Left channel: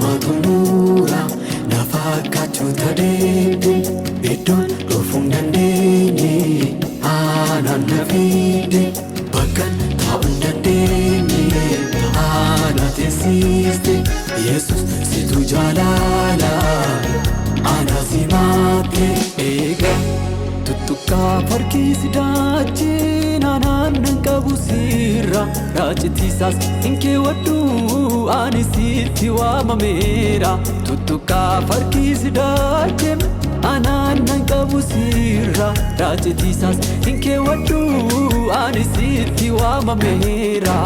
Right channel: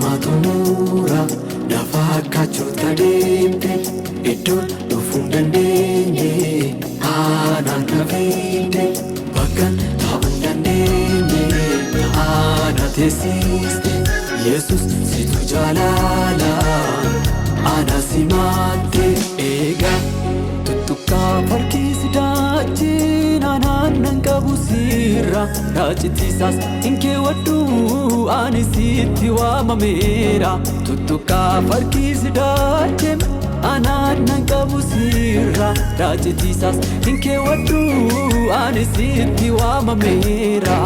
Matumura nafakkachoota deemte iddoon dhufuun dandeenye aanaan na fiide bakkan taa'uu dandeenye taana teessiste Yesus situ jaalala ana simaatte eega tuttuqqaa farkiisi daachin aanaan qabu sirra raachitiisaas hin keewwadhu ani sitti waamameera tuttuqqaa farkiisi daachin aanaan qabu sirra raachitiisaas hin keewwadhu ani sitti waamameera.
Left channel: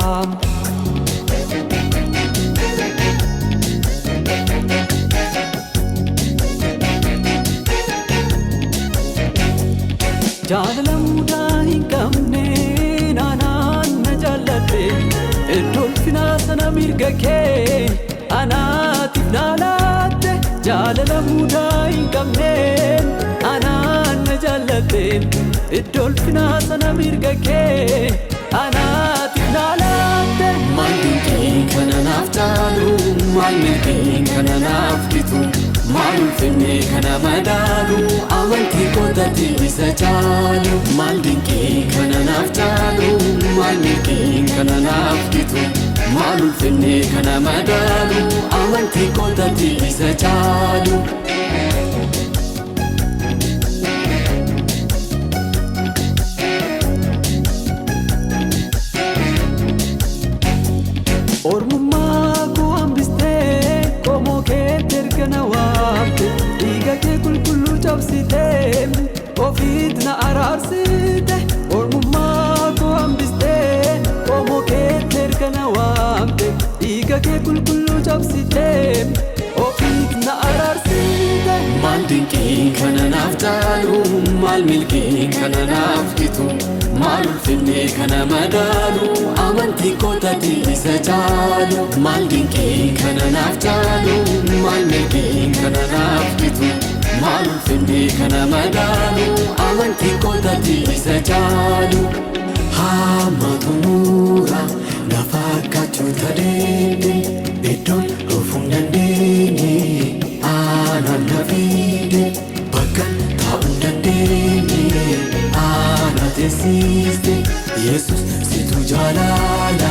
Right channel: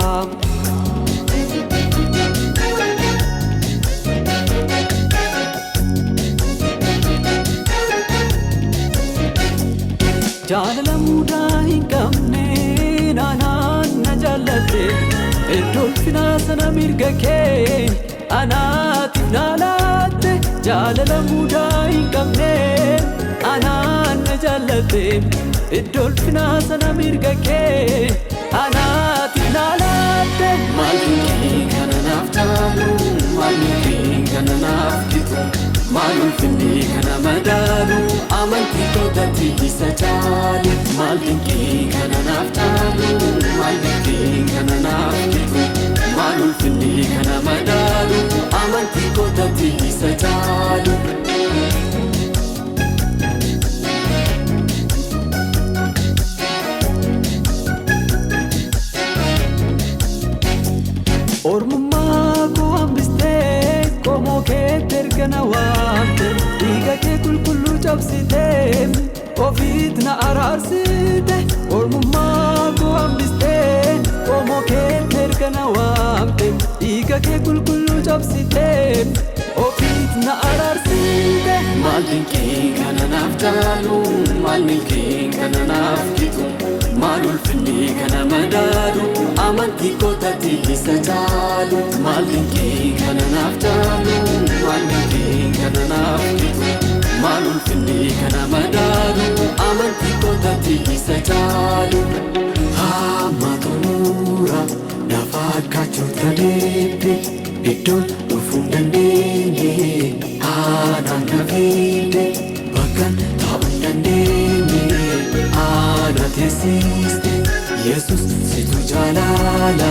Jaalala mudaa hin qabne anaan na jaallate dolfina sana mirga kee anaatiif na laatte jaalala mudaa hin qabne anaan na jaallate dolfina sana mirga kee anaatiif na laatte. Maalii kana naaf taalu maalii kana naaf bitu maalii finne kana madaalu amantii kootatti isa jaalu maalii kana naaf taalu maalii kana naaf bitu maalii finne kana madaalu amantii kootatti isa jaalu. Ormummaa koo hambistee qomoo keetti erga na waamte dhiiga kee qulqulluu cabsitee ofiit na araarsite. Ormummaa koo hambistee qomoo keetti erga na waamte dhiiga kee qulqulluu cabsitee ofiit na araarsite. Maalin kee kana naaf taalu maalin kee kana naaf bitu maal ulfinne kana madaalu amantii kootatti isa jaalu. Maalin kee kana naaf taalu maalin kee kana naaf bitu maal ulfinne kana madaalu amantii kootatti isa jaalu. Matumura nafakkachoota deemte iddoon dhufuun dandeenye aanaan na fiide bakkan taa'uu dandeenye ana teessiste Yesus situ jaalala